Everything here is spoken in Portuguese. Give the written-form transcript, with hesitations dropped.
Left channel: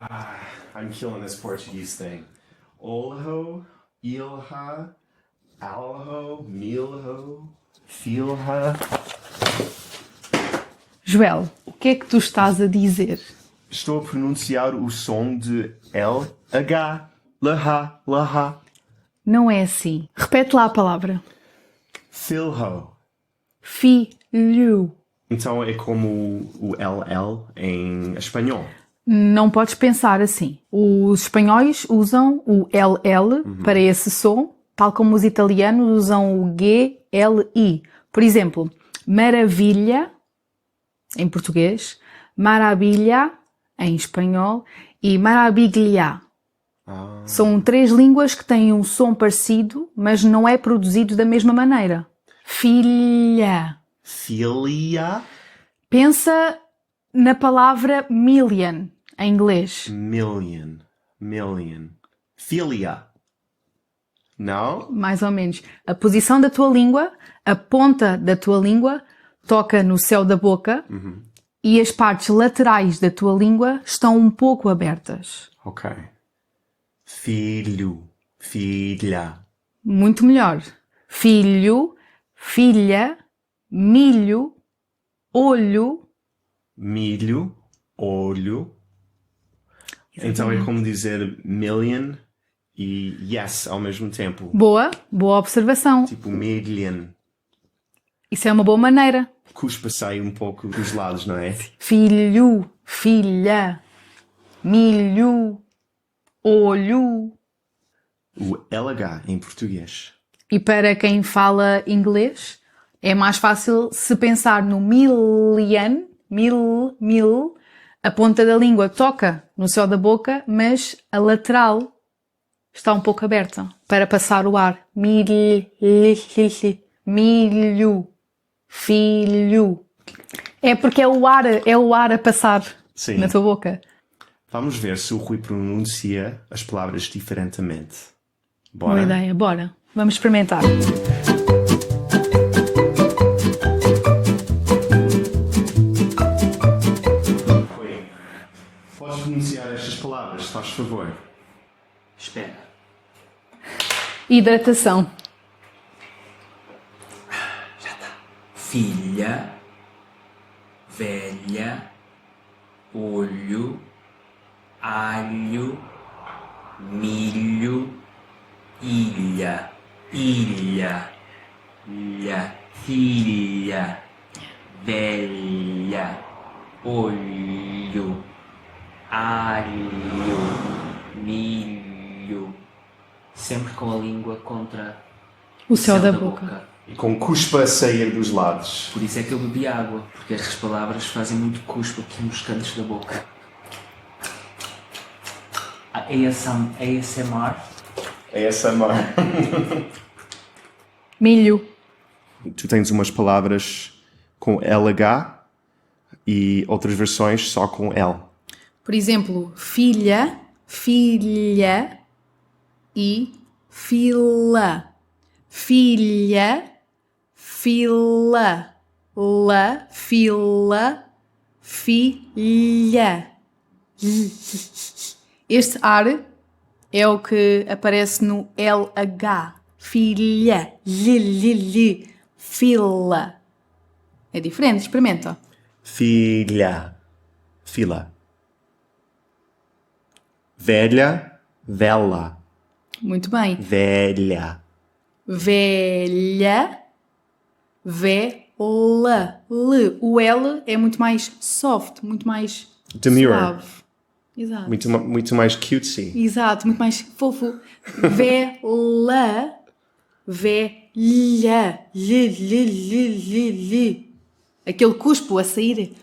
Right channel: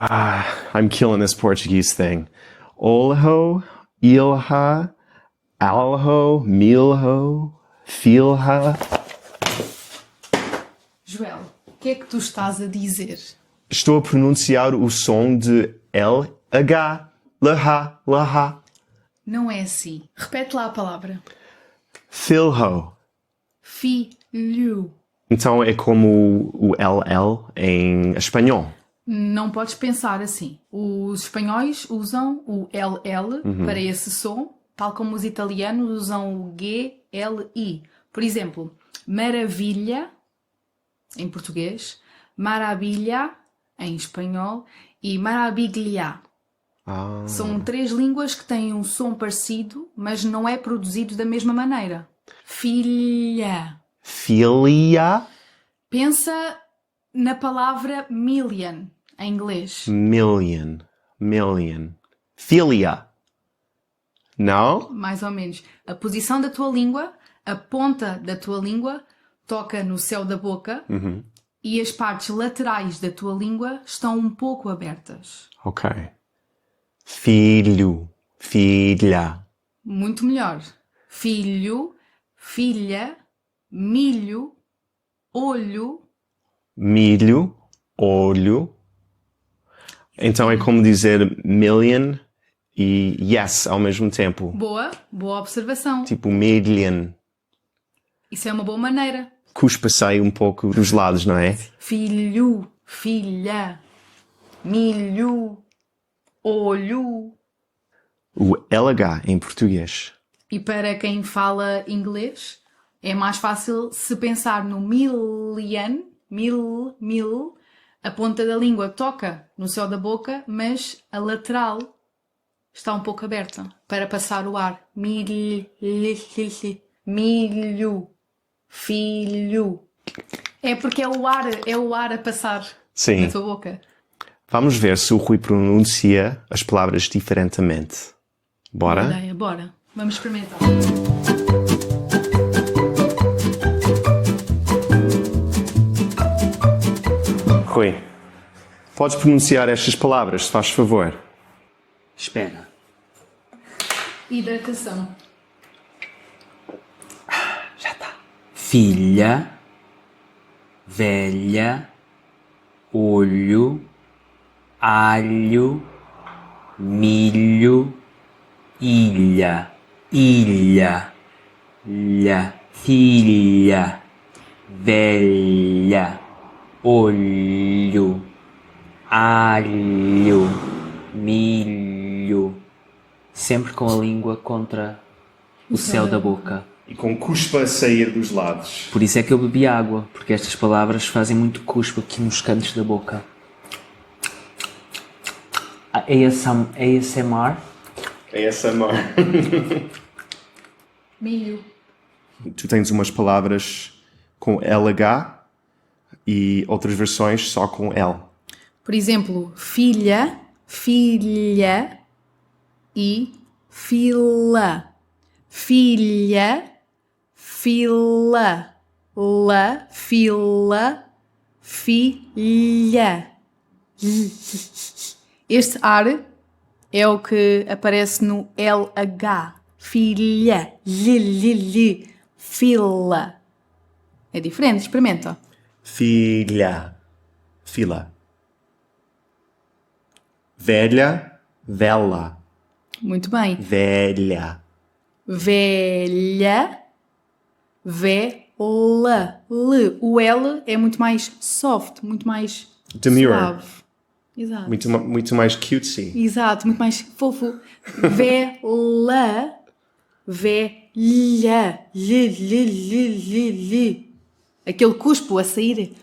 I'm killing this Portuguese thing. Olho, ilha, alho, milho, filha. Joel, o que é que tu estás a dizer? Estou a pronunciar o som de LH. Laha, laha. Não é assim. Repete lá a palavra. Filho. Filho. Então é como o LL em espanhol. Não podes pensar assim. Os espanhóis usam o LL para esse som, tal como os italianos usam o GLI. Por exemplo, maravilha em português, maravilha em espanhol e maravilha. São três línguas que têm um som parecido, mas não é produzido da mesma maneira. Filha. Filia. Pensa na palavra million em inglês. Million. Filia. Não? Mais ou menos. A posição da tua língua, a ponta da tua língua, toca no céu da boca e as partes laterais da tua língua estão um pouco abertas. Ok. Filho. Filha. Muito melhor. Filho, filha, milho, olho. Milho. Olho. Então é como dizer million e yes ao mesmo tempo. Boa observação. Tipo million. Isso é uma boa maneira. Cuspa sai um pouco dos lados, não é? Filho, filha, milho, olho. O LH em português. E para quem fala inglês, é mais fácil se pensar no million, mil, a ponta da língua toca no céu da boca, mas a lateral está um pouco aberta para passar o ar. Milho, filho. É porque é o ar a passar Sim. na tua boca. Vamos ver se o Rui pronuncia as palavras diferentemente. Bora? Boa ideia, bora. Vamos experimentar. Rui, podes pronunciar estas palavras, se faz favor? Espera. Hidratação. Já está. Filha, velha, olho, alho, milho, ilha, filha, velha, olho, alho, milho. Sempre com a língua contra o céu da boca. E com cuspa a sair dos lados. Por isso é que eu bebi água, porque estas palavras fazem muito cuspo aqui nos cantos da boca. ASMR. ASMR. Milho. Tu tens umas palavras com LH e outras versões só com L. Por exemplo, filha e fila. Filha, fila, fila, filha. Este ar é o que aparece no LH. Filha, fila. É diferente, experimenta. Filha. Fila. Velha. Vela. Muito bem. Velha. Velha, vela. O L é muito mais soft, muito mais Demure. suave. Exato. Muito mais cutesy. Exato, muito mais fofo. Vela, velha, Aquele cuspo a sair.